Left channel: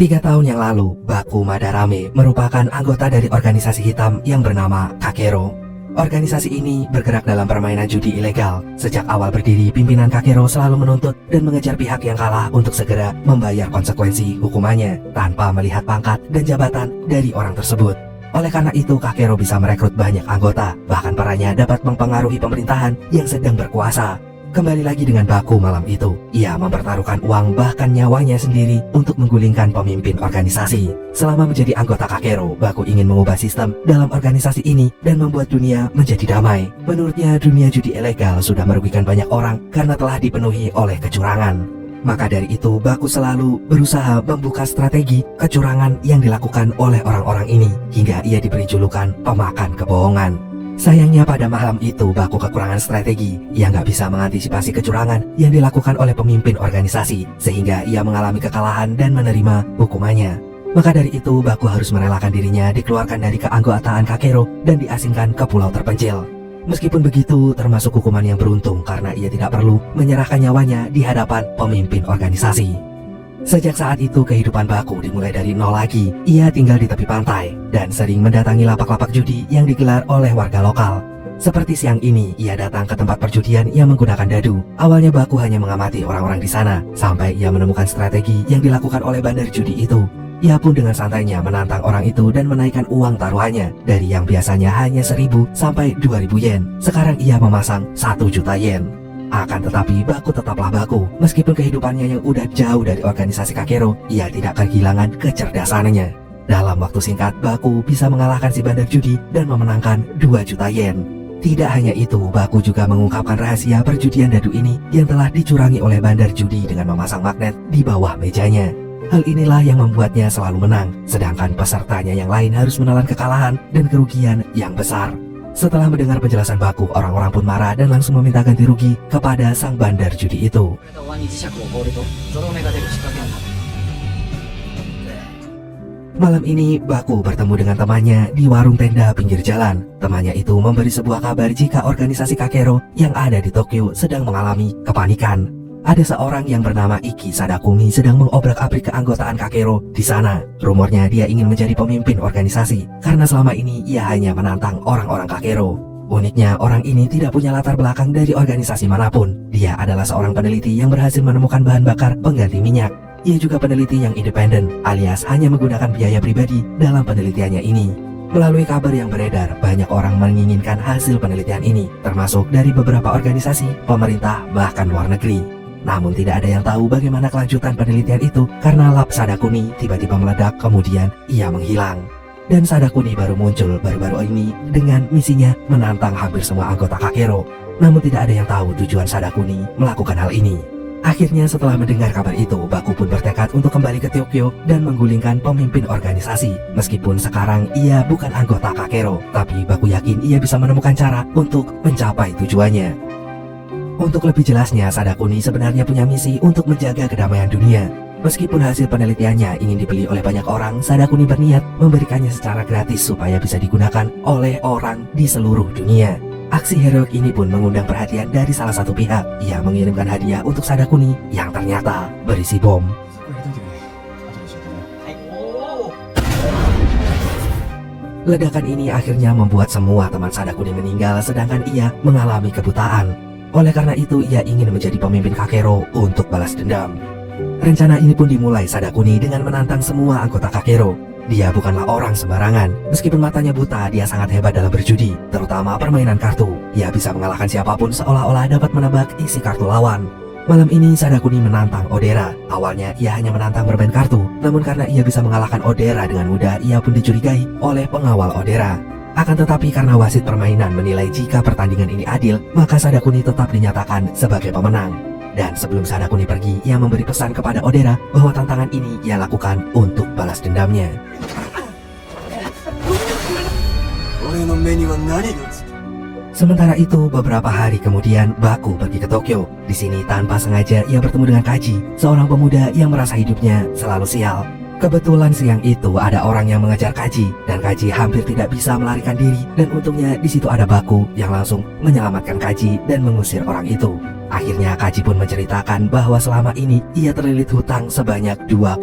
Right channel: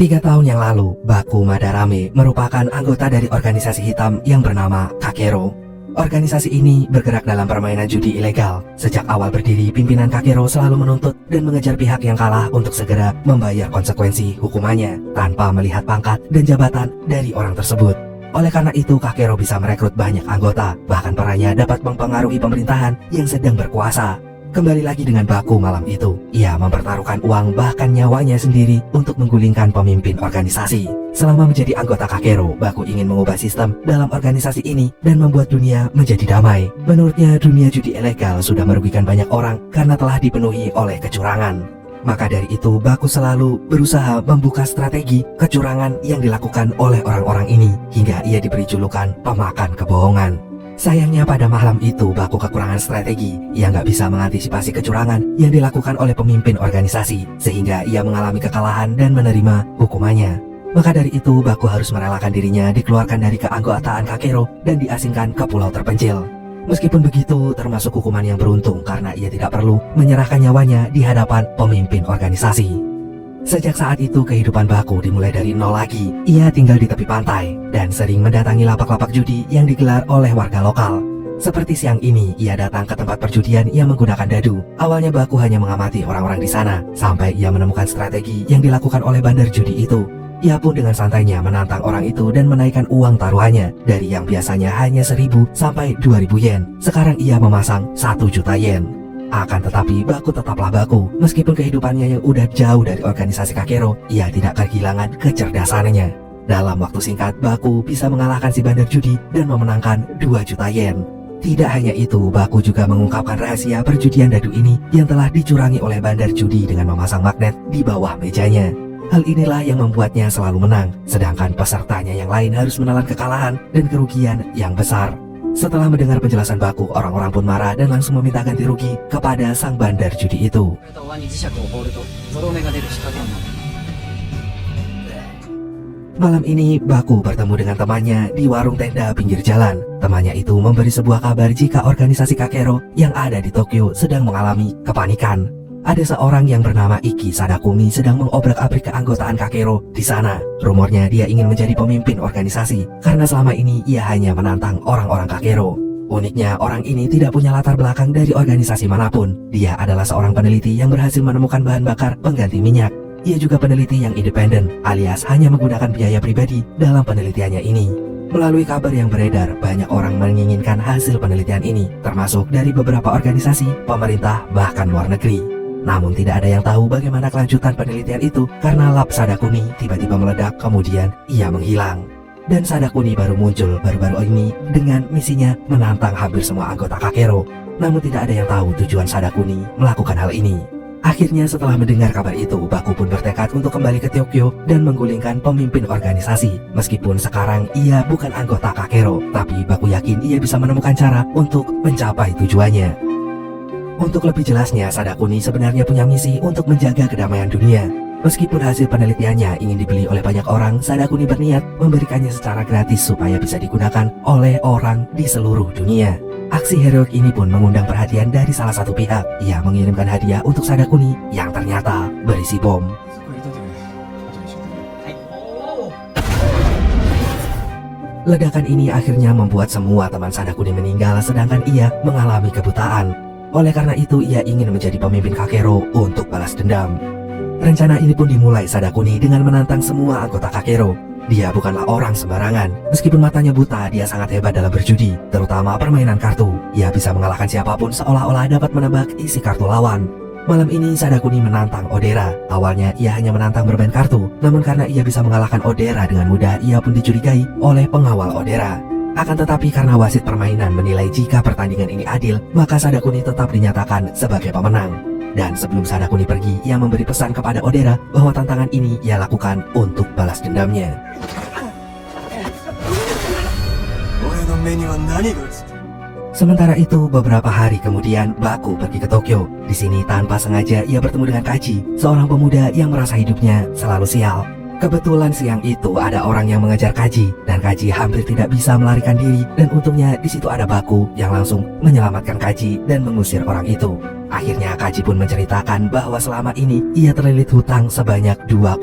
3 tahun yang lalu, Baku Madarame merupakan anggota dari organisasi hitam yang bernama Kakero. Organisasi ini bergerak dalam permainan judi ilegal. Sejak awal berdiri, pimpinan Kakero selalu menuntut dan mengejar pihak yang kalah untuk segera membayar konsekuensi hukumannya tanpa melihat pangkat dan jabatan dari orang tersebut. Oleh karena itu, Kakero bisa merekrut banyak anggota, bahkan perannya dapat mempengaruhi pemerintahan yang sedang berkuasa. Kembali lagi dengan Baku malam itu, ia mempertaruhkan uang bahkan nyawanya sendiri untuk menggulingkan pemimpin organisasi. Selama menjadi anggota Kakero, Baku ingin mengubah sistem dalam organisasi ini dan membuat dunia menjadi damai. Menurutnya, dunia judi ilegal sudah merugikan banyak orang karena telah dipenuhi oleh kecurangan. Maka dari itu, Baku selalu berusaha membuka strategi kecurangan yang dilakukan oleh orang-orang ini hingga ia diberi julukan pemakan kebohongan. Sayangnya pada malam itu Baku kekurangan strategi. Ia nggak bisa mengantisipasi kecurangan yang dilakukan oleh pemimpin organisasi, sehingga ia mengalami kekalahan dan menerima hukumannya. Maka dari itu Baku harus merelakan dirinya dikeluarkan dari keanggotaan Kakero dan diasingkan ke pulau terpencil. Meskipun begitu, termasuk hukuman yang beruntung karena ia tidak perlu menyerahkan nyawanya di hadapan pemimpin organisasi. Sejak saat itu kehidupan Baku dimulai dari nol lagi. Ia tinggal di tepi pantai dan sering mendatangi lapak-lapak judi yang digelar oleh warga lokal. Seperti siang ini, ia datang ke tempat perjudian yang menggunakan dadu. Awalnya Baku hanya mengamati orang-orang di sana, sampai ia menemukan strategi yang dilakukan oleh bandar judi itu. Ia pun dengan santainya menantang orang itu dan menaikkan uang taruhannya dari yang biasanya hanya 1.000 sampai 2.000 yen. Sekarang ia memasang 1 juta yen. Akan tetapi Baku tetaplah Baku. Meskipun kehidupannya yang udah jauh dari organisasi Kakero, ia tidak kehilangan kecerdasannya. Dalam waktu singkat, Baku bisa mengalahkan si bandar judi dan memenangkan 2 juta yen. Tidak hanya itu, Baku juga mengungkapkan rahasia perjudian dadu ini yang telah dicurangi oleh bandar judi dengan memasang magnet di bawah mejanya. Hal inilah yang membuatnya selalu menang, sedangkan pesertanya yang lain harus menelan kekalahan dan kerugian yang besar. Setelah mendengar penjelasan Baku, orang-orang pun marah dan langsung meminta ganti rugi kepada sang bandar judi itu. Malam ini, Baku bertemu dengan temannya di warung tenda pinggir jalan. Temannya itu memberi sebuah kabar jika organisasi Kakero yang ada di Tokyo sedang mengalami kepanikan. Ada seorang yang bernama Iki Sadakumi sedang mengobrak-abrik keanggotaan Kakero di sana. Rumornya dia ingin menjadi pemimpin organisasi karena selama ini ia hanya menantang orang-orang Kakero. Uniknya, orang ini tidak punya latar belakang dari organisasi manapun. Dia adalah seorang peneliti yang berhasil menemukan bahan bakar pengganti minyak. Ia juga peneliti yang independen, alias hanya menggunakan biaya pribadi dalam penelitiannya ini. Melalui kabar yang beredar, banyak orang menginginkan hasil penelitian ini, termasuk dari beberapa organisasi, pemerintah, bahkan luar negeri. Namun tidak ada yang tahu bagaimana kelanjutan penelitian itu karena lab Sadakuni tiba-tiba meledak kemudian ia menghilang. Dan Sadakuni baru muncul baru-baru ini dengan misinya menantang hampir semua anggota Kakero. Namun tidak ada yang tahu tujuan Sadakuni melakukan hal ini. Akhirnya setelah mendengar kabar itu, Baku pun bertekad untuk kembali ke Tokyo dan menggulingkan pemimpin organisasi. Meskipun sekarang ia bukan anggota Kakero, tapi Baku yakin ia bisa menemukan cara untuk mencapai tujuannya. Untuk lebih jelasnya, Sadakuni sebenarnya punya misi untuk menjaga kedamaian dunia. Meskipun hasil penelitiannya ingin dibeli oleh banyak orang, Sadakuni berniat memberikannya secara gratis supaya bisa digunakan oleh orang di seluruh dunia. Aksi heroik ini pun mengundang perhatian dari salah satu pihak. Ia mengirimkan hadiah untuk Sadakuni yang ternyata berisi bom. Ledakan ini akhirnya membuat semua teman Sadakuni meninggal, sedangkan ia mengalami kebutaan. Oleh karena itu, ia ingin menjadi pemimpin Kakero untuk balas dendam. Rencana ini pun dimulai Sadakuni dengan menantang semua anggota Kakero. Dia bukanlah orang sembarangan. Meskipun matanya buta, dia sangat hebat dalam berjudi, terutama permainan kartu. Ia bisa mengalahkan siapapun seolah-olah dapat menebak isi kartu lawan. Malam ini Sadakuni menantang Odera. Awalnya ia hanya menantang bermain kartu, namun karena ia bisa mengalahkan Odera dengan mudah, ia pun dicurigai oleh pengawal Odera. Akan tetapi karena wasit permainan menilai jika pertandingan ini adil, maka Sadakuni tetap dinyatakan sebagai pemenang. Dan sebelum Sadakuni pergi, ia memberi pesan kepada Odera bahwa tantangan ini ia lakukan untuk balas dendamnya. Sementara itu, beberapa hari kemudian, Baku pergi ke Tokyo. Di sini tanpa sengaja ia bertemu dengan Kaji, seorang pemuda yang merasa hidupnya selalu sial. Kebetulan siang itu ada orang yang mengejar Kaji dan Kaji hampir tidak bisa melarikan diri, dan untungnya di situ ada Baku yang langsung menyelamatkan Kaji dan mengusir orang itu. Akhirnya Kaji pun menceritakan bahwa selama ini ia terlilit hutang sebanyak 2,2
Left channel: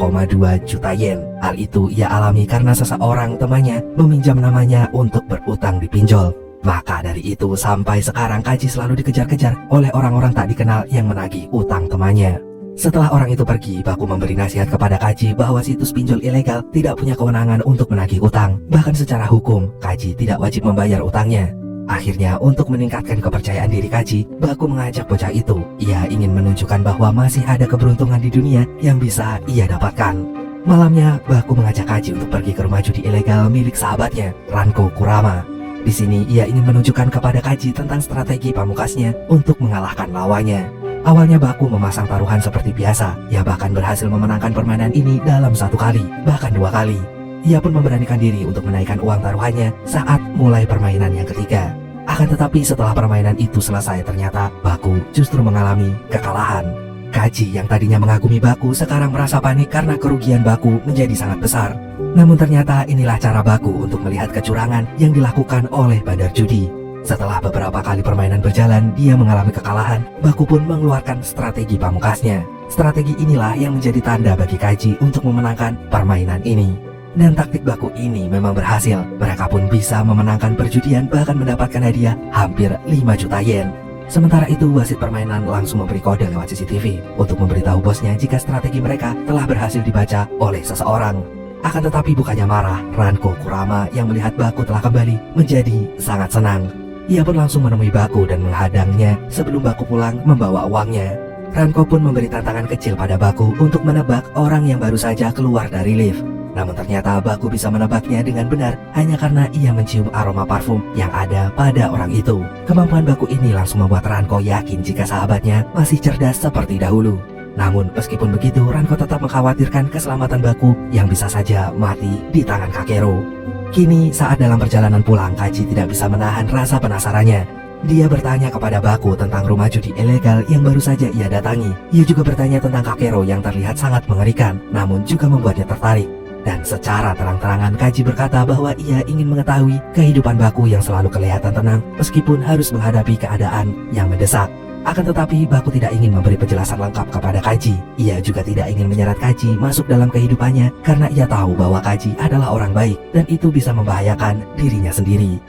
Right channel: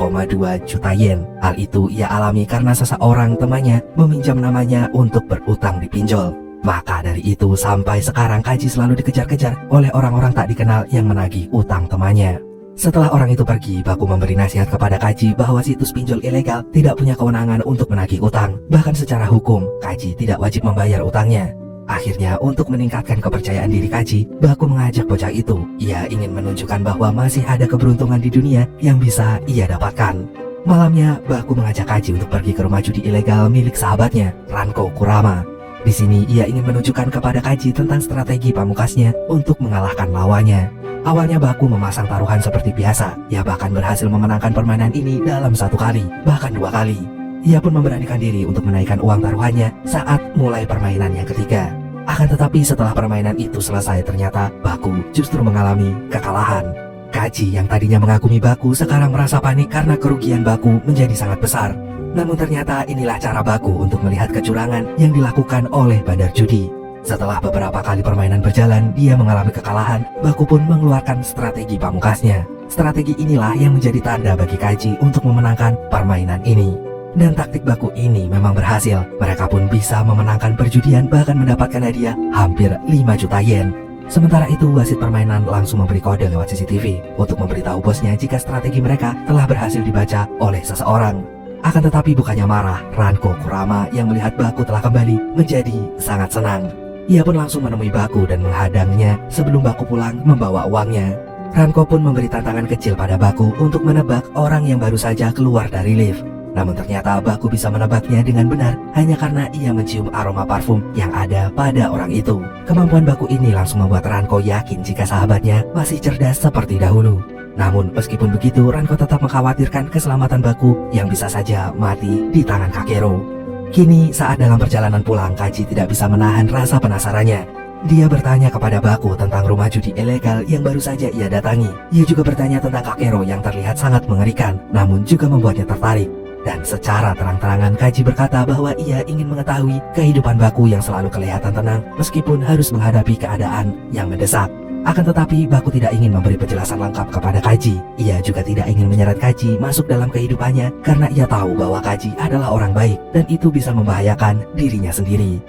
juta yen. Hal itu ia alami karena seseorang temannya meminjam namanya untuk berutang di pinjol. Maka dari itu sampai sekarang Kaji selalu dikejar-kejar oleh orang-orang tak dikenal yang menagih utang temannya. Setelah orang itu pergi, Baku memberi nasihat kepada Kaji bahwa situs pinjol ilegal tidak punya kewenangan untuk menagih utang. Bahkan secara hukum, Kaji tidak wajib membayar utangnya. Akhirnya, untuk meningkatkan kepercayaan diri Kaji, Baku mengajak bocah itu. Ia ingin menunjukkan bahwa masih ada keberuntungan di dunia yang bisa ia dapatkan. Malamnya, Baku mengajak Kaji untuk pergi ke rumah judi ilegal milik sahabatnya, Ranko Kurama. Di sini, ia ingin menunjukkan kepada Kaji tentang strategi pamungkasnya untuk mengalahkan lawannya. Awalnya Baku memasang taruhan seperti biasa. Ia bahkan berhasil memenangkan permainan ini dalam 1 kali, bahkan 2 kali. Ia pun memberanikan diri untuk menaikkan uang taruhannya saat mulai permainan yang ketiga. Akan tetapi setelah permainan itu selesai, ternyata Baku justru mengalami kekalahan. Kaji yang tadinya mengagumi Baku sekarang merasa panik karena kerugian Baku menjadi sangat besar. Namun ternyata inilah cara Baku untuk melihat kecurangan yang dilakukan oleh bandar judi. Setelah beberapa kali permainan berjalan, dia mengalami kekalahan. Baku pun mengeluarkan strategi pamungkasnya. Strategi inilah yang menjadi tanda bagi Kaji untuk memenangkan permainan ini. Dan taktik Baku ini memang berhasil. Mereka pun bisa memenangkan perjudian, bahkan mendapatkan hadiah hampir 5 juta yen. Sementara itu, wasit permainan langsung memberi kode lewat CCTV untuk memberitahu bosnya jika strategi mereka telah berhasil dibaca oleh seseorang. Akan tetapi bukannya marah, Ranko Kurama yang melihat Baku telah kembali menjadi sangat senang. Ia pun langsung menemui Baku dan menghadangnya sebelum Baku pulang membawa uangnya. Ranko pun memberi tantangan kecil pada Baku untuk menebak orang yang baru saja keluar dari lift. Namun ternyata Baku bisa menebaknya dengan benar hanya karena ia mencium aroma parfum yang ada pada orang itu. Kemampuan Baku ini langsung membuat Ranko yakin jika sahabatnya masih cerdas seperti dahulu. Namun meskipun begitu, Ranko tetap mengkhawatirkan keselamatan Baku yang bisa saja mati di tangan Kakero. Kini saat dalam perjalanan pulang, Kaji tidak bisa menahan rasa penasarannya. Dia bertanya kepada Baku tentang rumah judi ilegal yang baru saja ia datangi. Ia juga bertanya tentang Kakero yang terlihat sangat mengerikan, namun juga membuatnya tertarik. Dan secara terang-terangan Kaji berkata bahwa ia ingin mengetahui kehidupan Baku yang selalu kelihatan tenang meskipun harus menghadapi keadaan yang mendesak. Akan tetapi Baku tidak ingin memberi penjelasan lengkap kepada Kaji. Ia juga tidak ingin menyeret Kaji masuk dalam kehidupannya karena ia tahu bahwa Kaji adalah orang baik dan itu bisa membahayakan dirinya sendiri.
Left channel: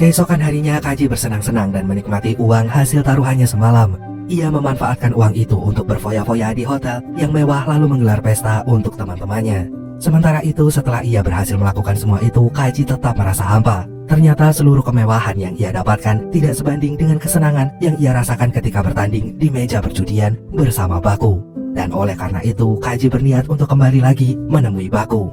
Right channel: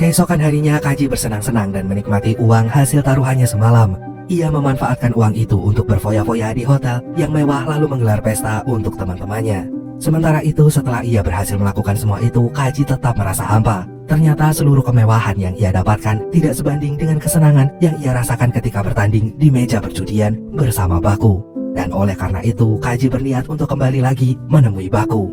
Keesokan harinya Kaji bersenang-senang dan menikmati uang hasil taruhannya semalam. Ia memanfaatkan uang itu untuk berfoya-foya di hotel yang mewah lalu menggelar pesta untuk teman-temannya. Sementara itu, setelah ia berhasil melakukan semua itu, Kaji tetap merasa hampa. Ternyata seluruh kemewahan yang ia dapatkan tidak sebanding dengan kesenangan yang ia rasakan ketika bertanding di meja perjudian bersama Baku. Dan oleh karena itu, Kaji berniat untuk kembali lagi menemui Baku.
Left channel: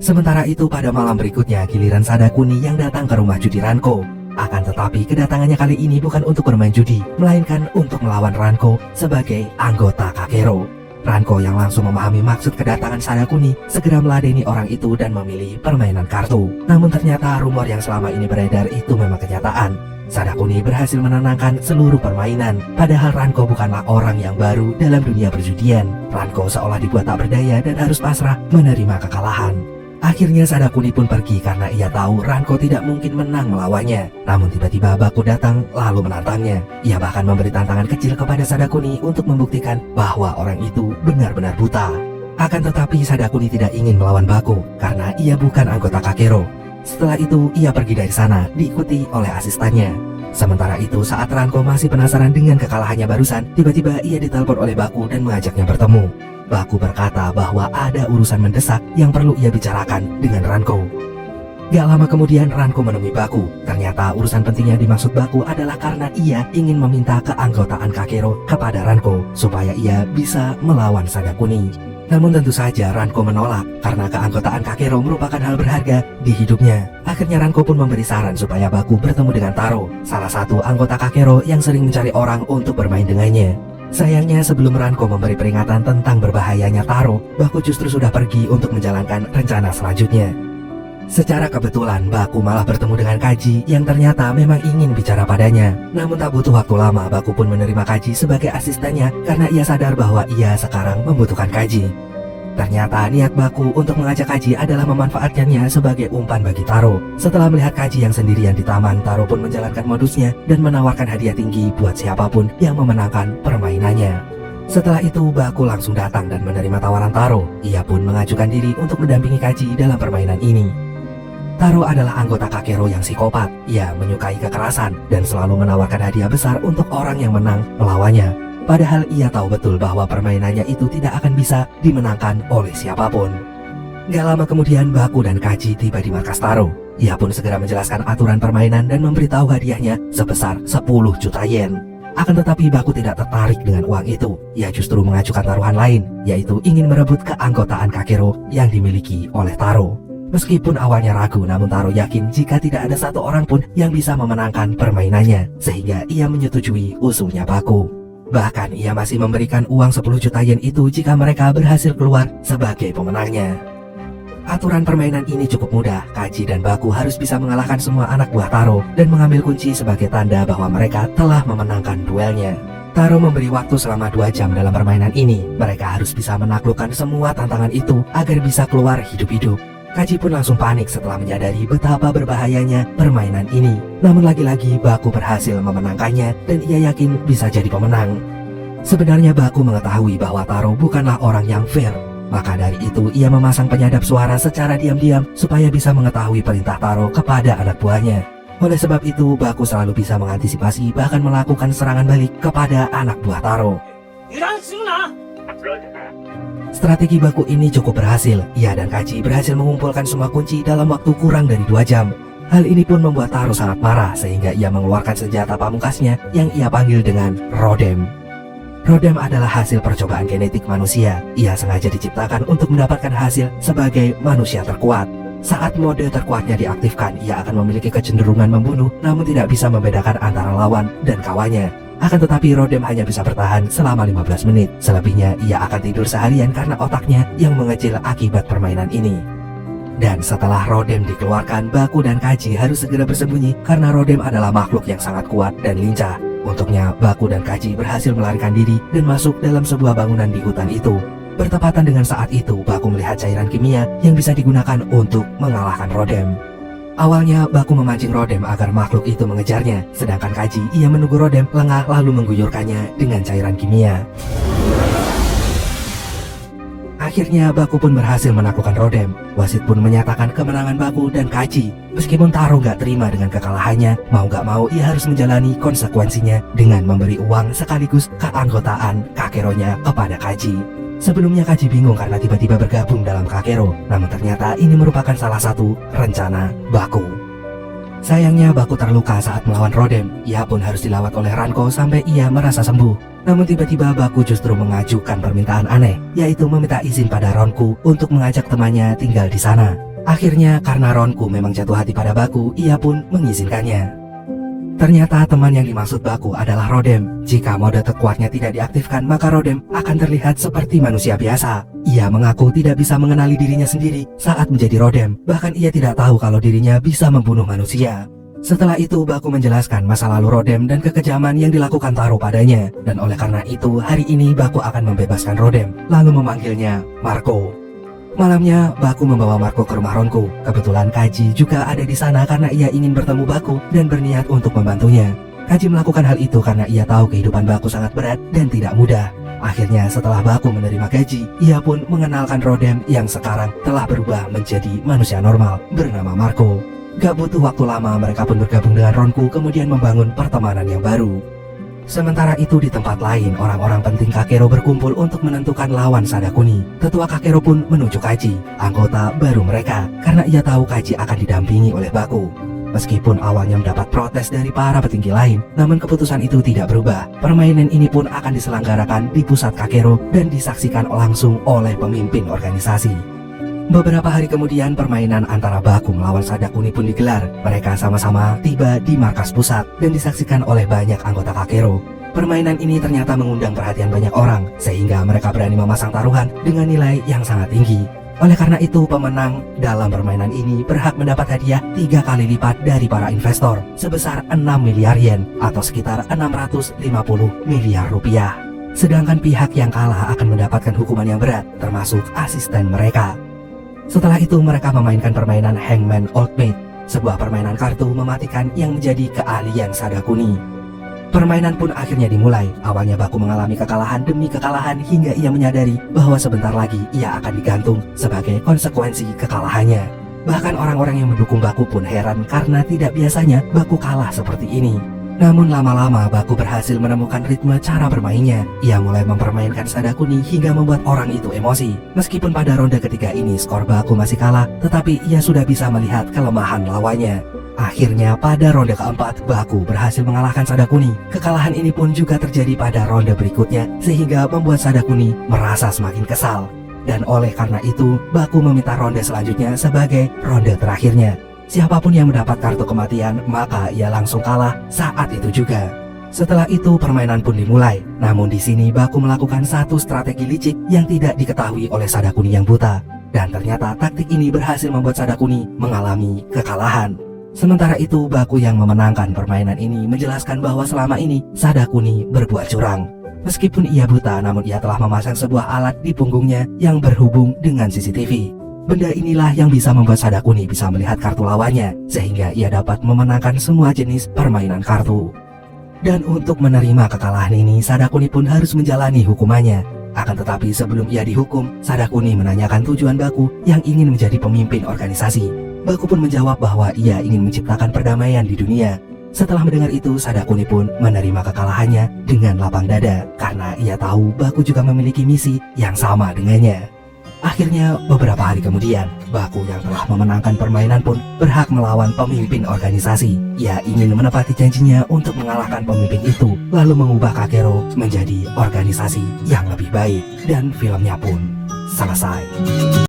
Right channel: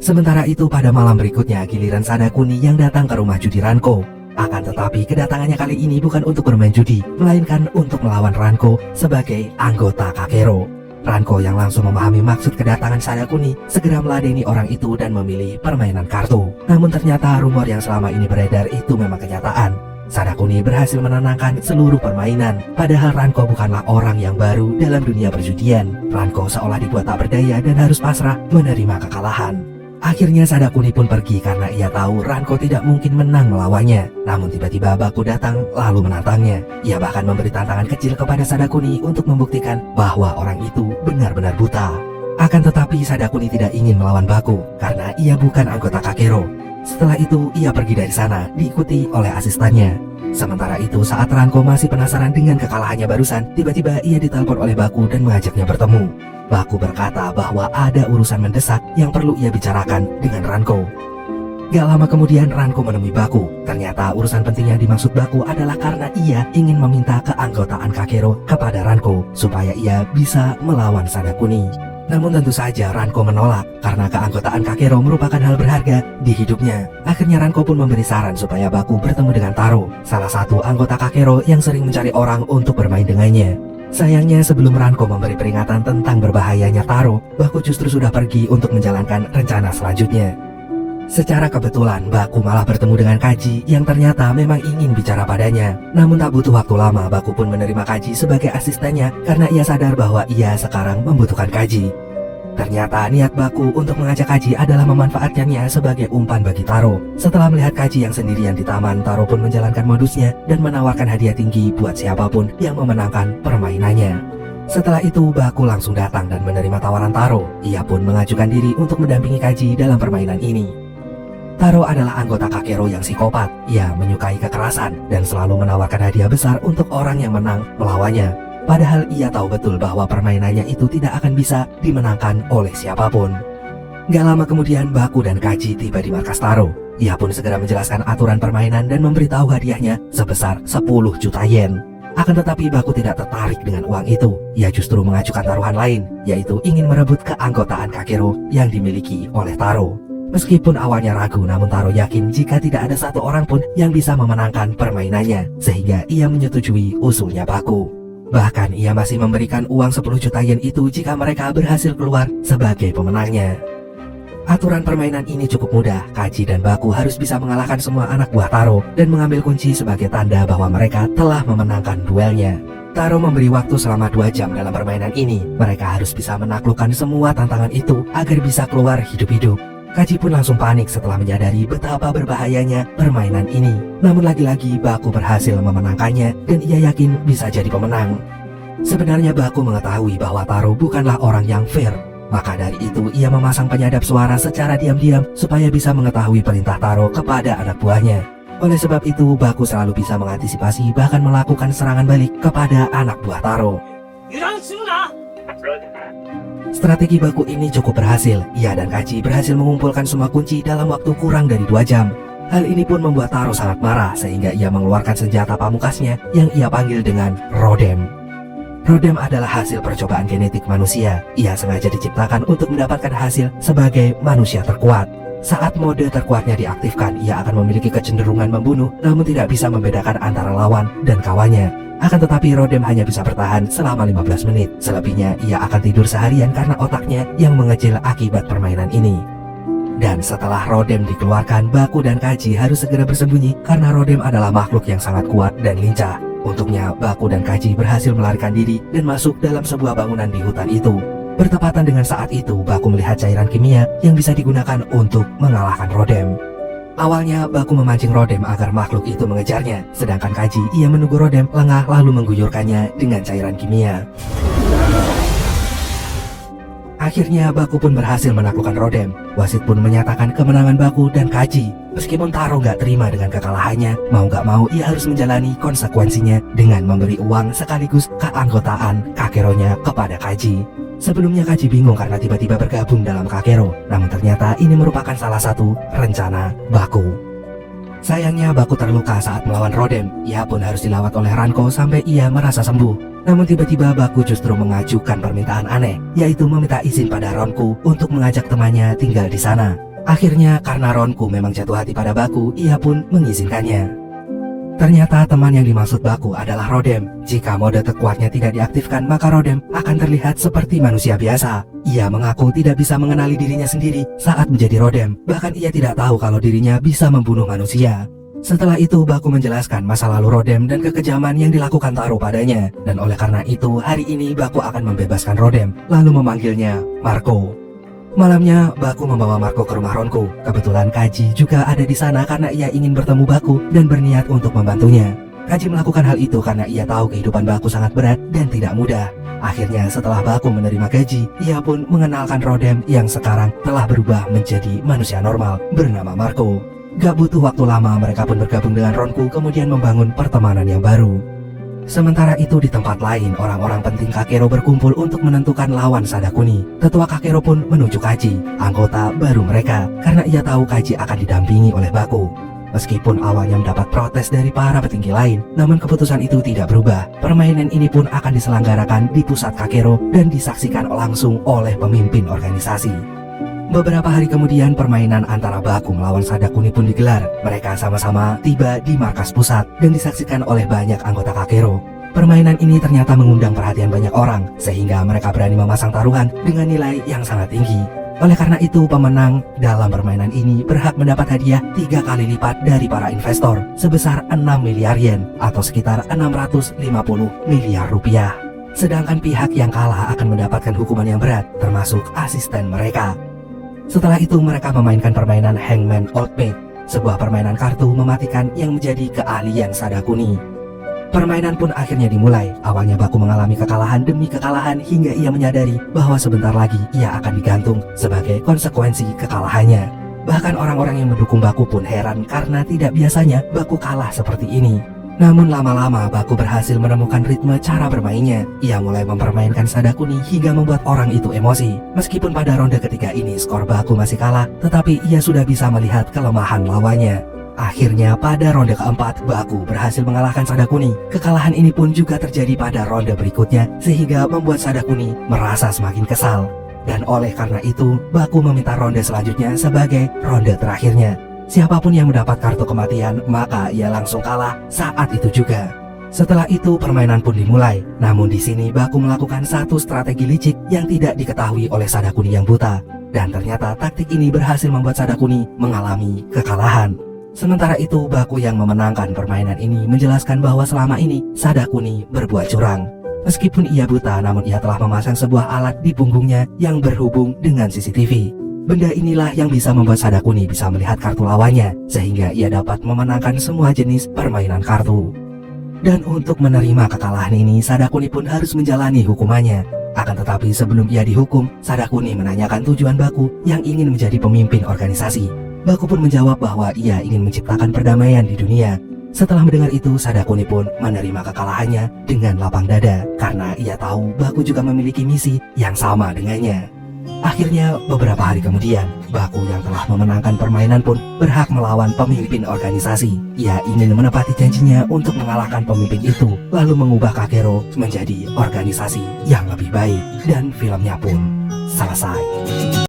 Sementara itu, pada malam berikutnya, giliran Sadakuni yang datang ke rumah judi Ranko. Akan tetapi kedatangannya kali ini bukan untuk bermain judi, melainkan untuk melawan Ranko sebagai anggota Kakero. Ranko yang langsung memahami maksud kedatangan Sadakuni segera meladeni orang itu dan memilih permainan kartu. Namun ternyata rumor yang selama ini beredar itu memang kenyataan. Sadakuni berhasil menenangkan seluruh permainan. Padahal Ranko bukanlah orang yang baru dalam dunia perjudian. Ranko seolah dibuat tak berdaya dan harus pasrah menerima kekalahan. Akhirnya Sadakuni pun pergi karena ia tahu Ranko tidak mungkin menang melawannya. Namun tiba-tiba Baku datang lalu menantangnya. Ia bahkan memberi tantangan kecil kepada Sadakuni untuk membuktikan bahwa orang itu benar-benar buta. Akan tetapi Sadakuni tidak ingin melawan Baku karena ia bukan anggota Kakero. Setelah itu ia pergi dari sana diikuti oleh asistennya. Sementara itu saat Ranko masih penasaran dengan kekalahannya barusan, tiba-tiba ia ditelepon oleh Baku dan mengajaknya bertemu. Baku berkata bahwa ada urusan mendesak yang perlu ia bicarakan dengan Ranko. Gak lama kemudian Ranko menemui Baku. Ternyata urusan pentingnya dimaksud Baku adalah karena ia ingin meminta keanggotaan Kakero kepada Ranko supaya ia bisa melawan Sadakuni. Namun tentu saja Ranko menolak karena keanggotaan Kakero merupakan hal berharga di hidupnya. Akhirnya Ranko pun memberi saran supaya Baku bertemu dengan Taro, salah satu anggota Kakero yang sering mencari orang untuk bermain dengannya. Sayangnya sebelum Ranko memberi peringatan tentang berbahayanya Taro, Baku justru sudah pergi untuk menjalankan rencana selanjutnya. Secara kebetulan Baku malah bertemu dengan Kaji yang ternyata memang ingin bicara padanya. Namun tak butuh waktu lama Baku pun menerima Kaji sebagai asistennya karena ia sadar bahwa ia sekarang membutuhkan Kaji. Ternyata niat Baku untuk mengajak Kaji adalah memanfaatkannya sebagai umpan bagi Taro. Setelah melihat Kaji yang sendirian di taman, Taro pun menjalankan modusnya dan menawarkan hadiah tinggi buat siapapun yang memenangkan permainannya. Setelah itu Baku langsung datang dan menerima tawaran Taro. Ia pun mengajukan diri untuk mendampingi Kaji dalam permainan ini. Taro adalah anggota Kakero yang psikopat. Ia menyukai kekerasan dan selalu menawarkan hadiah besar untuk orang yang menang melawannya. Padahal ia tahu betul bahwa permainannya itu tidak akan bisa dimenangkan oleh siapapun. Gak lama kemudian Baku dan Kaji tiba di markas Taro. Ia pun segera menjelaskan aturan permainan dan memberitahu hadiahnya sebesar 10 juta yen. Akan tetapi Baku tidak tertarik dengan uang itu. Ia justru mengajukan taruhan lain, yaitu ingin merebut keanggotaan Kakero yang dimiliki oleh Taro. Meskipun awalnya ragu, namun Taro yakin jika tidak ada satu orang pun yang bisa memenangkan permainannya, sehingga ia menyetujui usulnya Baku. Bahkan ia masih memberikan uang 10 juta yen itu jika mereka berhasil keluar sebagai pemenangnya. Aturan permainan ini cukup mudah. Kaji dan Baku harus bisa mengalahkan semua anak buah Taro dan mengambil kunci sebagai tanda bahwa mereka telah memenangkan duelnya. Taro memberi waktu selama 2 jam dalam permainan ini. Mereka harus bisa menaklukkan semua tantangan itu agar bisa keluar hidup-hidup. Kaji pun langsung panik setelah menyadari betapa berbahayanya permainan ini. Namun lagi-lagi Baku berhasil memenangkannya dan ia yakin bisa jadi pemenang. Sebenarnya Baku mengetahui bahwa Taro bukanlah orang yang fair. Maka dari itu ia memasang penyadap suara secara diam-diam supaya bisa mengetahui perintah Taro kepada anak buahnya. Oleh sebab itu Baku selalu bisa mengantisipasi bahkan melakukan serangan balik kepada anak buah Taro. Strategi Baku ini cukup berhasil. Ia dan Kaji berhasil mengumpulkan semua kunci dalam waktu kurang dari 2 jam. Hal ini pun membuat Taro sangat marah sehingga ia mengeluarkan senjata pamungkasnya yang ia panggil dengan Rodem. Rodem adalah hasil percobaan genetik manusia. Ia sengaja diciptakan untuk mendapatkan hasil sebagai manusia terkuat. Saat mode terkuatnya diaktifkan, ia akan memiliki kecenderungan membunuh namun tidak bisa membedakan antara lawan dan kawannya. Akan tetapi Rodem hanya bisa bertahan selama 15 menit. Selebihnya ia akan tidur seharian karena otaknya yang mengecil akibat permainan ini. Dan setelah Rodem dikeluarkan, Baku dan Kaji harus segera bersembunyi karena Rodem adalah makhluk yang sangat kuat dan lincah. Untuknya Baku dan Kaji berhasil melarikan diri dan masuk dalam sebuah bangunan di hutan itu. Bertepatan dengan saat itu, Baku melihat cairan kimia yang bisa digunakan untuk mengalahkan Rodem. Awalnya Baku memancing Rodem agar makhluk itu mengejarnya, sedangkan Kaji ia menunggu Rodem lengah lalu mengguyurkannya dengan cairan kimia. Akhirnya Baku pun berhasil menaklukkan Rodem. Wasit pun menyatakan kemenangan Baku dan Kaji. Meskipun Taro gak terima dengan kekalahannya, mau gak mau ia harus menjalani konsekuensinya dengan memberi uang sekaligus keanggotaan Kakeronya kepada Kaji. Sebelumnya Kaji bingung karena tiba-tiba bergabung dalam Kakero, namun ternyata ini merupakan salah satu rencana Baku. Sayangnya Baku terluka saat melawan Rodem. Ia pun harus dilawat oleh Ranko sampai ia merasa sembuh. Namun tiba-tiba Baku justru mengajukan permintaan aneh, yaitu meminta izin pada Ronku untuk mengajak temannya tinggal di sana. Akhirnya karena Ronku memang jatuh hati pada Baku, ia pun mengizinkannya. Ternyata teman yang dimaksud Baku adalah Rodem. Jika mode terkuatnya tidak diaktifkan, maka Rodem akan terlihat seperti manusia biasa. Ia mengaku tidak bisa mengenali dirinya sendiri saat menjadi Rodem. Bahkan ia tidak tahu kalau dirinya bisa membunuh manusia. Setelah itu Baku menjelaskan masa lalu Rodem dan kekejaman yang dilakukan Taro padanya. Dan oleh karena itu hari ini Baku akan membebaskan Rodem, lalu memanggilnya Marco. Malamnya Baku membawa Marco ke rumah Ronku. Kebetulan Kaji juga ada di sana karena ia ingin bertemu Baku dan berniat untuk membantunya. Kaji melakukan hal itu karena ia tahu kehidupan Baku sangat berat dan tidak mudah. Akhirnya setelah Baku menerima gaji, ia pun mengenalkan Rodem yang sekarang telah berubah menjadi manusia normal bernama Marco. Gak butuh waktu lama mereka pun bergabung dengan Ronku kemudian membangun pertemanan yang baru. Sementara itu di tempat lain, orang-orang penting Kakero berkumpul untuk menentukan lawan Sadakuni. Tetua Kakero pun menuju Kaji, anggota baru mereka, karena ia tahu Kaji akan didampingi oleh Baku. Meskipun awalnya mendapat protes dari para petinggi lain, namun keputusan itu tidak berubah. Permainan ini pun akan diselenggarakan di pusat Kakero dan disaksikan langsung oleh pemimpin organisasi. Beberapa hari kemudian permainan antara Baku melawan Sadakuni pun digelar. Mereka sama-sama tiba di markas pusat dan disaksikan oleh banyak anggota Kakero. Permainan ini ternyata mengundang perhatian banyak orang, sehingga mereka berani memasang taruhan dengan nilai yang sangat tinggi. Oleh karena itu pemenang dalam permainan ini berhak mendapat hadiah 3 kali lipat dari para investor sebesar 6 miliar yen atau sekitar 650 miliar rupiah. sedangkan pihak yang kalah akan mendapatkan hukuman yang berat, termasuk asisten mereka. Setelah itu mereka memainkan permainan Hangman Old Maid, sebuah permainan kartu mematikan yang menjadi keahlian Sadakuni. Permainan pun akhirnya dimulai. Awalnya Baku mengalami kekalahan demi kekalahan hingga ia menyadari bahwa sebentar lagi ia akan digantung sebagai konsekuensi kekalahannya. Bahkan orang-orang yang mendukung Baku pun heran karena tidak biasanya Baku kalah seperti ini. Namun lama-lama Baku berhasil menemukan ritme cara bermainnya. Ia mulai mempermainkan Sadakuni hingga membuat orang itu emosi. Meskipun pada ronde ketiga ini skor Baku masih kalah, tetapi ia sudah bisa melihat kelemahan lawannya. Akhirnya pada ronde keempat, Baku berhasil mengalahkan Sadakuni. Kekalahan ini pun juga terjadi pada ronde berikutnya, sehingga membuat Sadakuni merasa semakin kesal. Dan oleh karena itu, Baku meminta ronde selanjutnya sebagai ronde terakhirnya. Siapapun yang mendapat kartu kematian, maka ia langsung kalah saat itu juga. Setelah itu, permainan pun dimulai. Namun di sini Baku melakukan satu strategi licik yang tidak diketahui oleh Sadakuni yang buta. Dan ternyata taktik ini berhasil membuat Sadakuni mengalami kekalahan. Sementara itu, Baku yang memenangkan permainan ini menjelaskan bahwa selama ini Sadakuni berbuat curang. Meskipun ia buta, namun ia telah memasang sebuah alat di punggungnya yang berhubung dengan CCTV. Benda inilah yang bisa membuat Sadakuni bisa melihat kartu lawannya, sehingga ia dapat memenangkan semua jenis permainan kartu. Dan untuk menerima kekalahan ini, Sadakuni pun harus menjalani hukumannya. Akan tetapi sebelum ia dihukum, Sadakuni menanyakan tujuan Baku yang ingin menjadi pemimpin organisasi. Baku pun menjawab bahwa ia ingin menciptakan perdamaian di dunia. Setelah mendengar itu, Sadakuni pun menerima kekalahannya dengan lapang dada karena ia tahu Baku juga memiliki misi yang sama dengannya. Akhirnya beberapa hari kemudian, Baku yang telah memenangkan permainan pun berhak melawan pemimpin organisasi. Ia ingin menepati janjinya untuk mengalahkan pemimpin itu, lalu mengubah Kakero menjadi organisasi yang lebih baik. Dan filmnya pun selesai.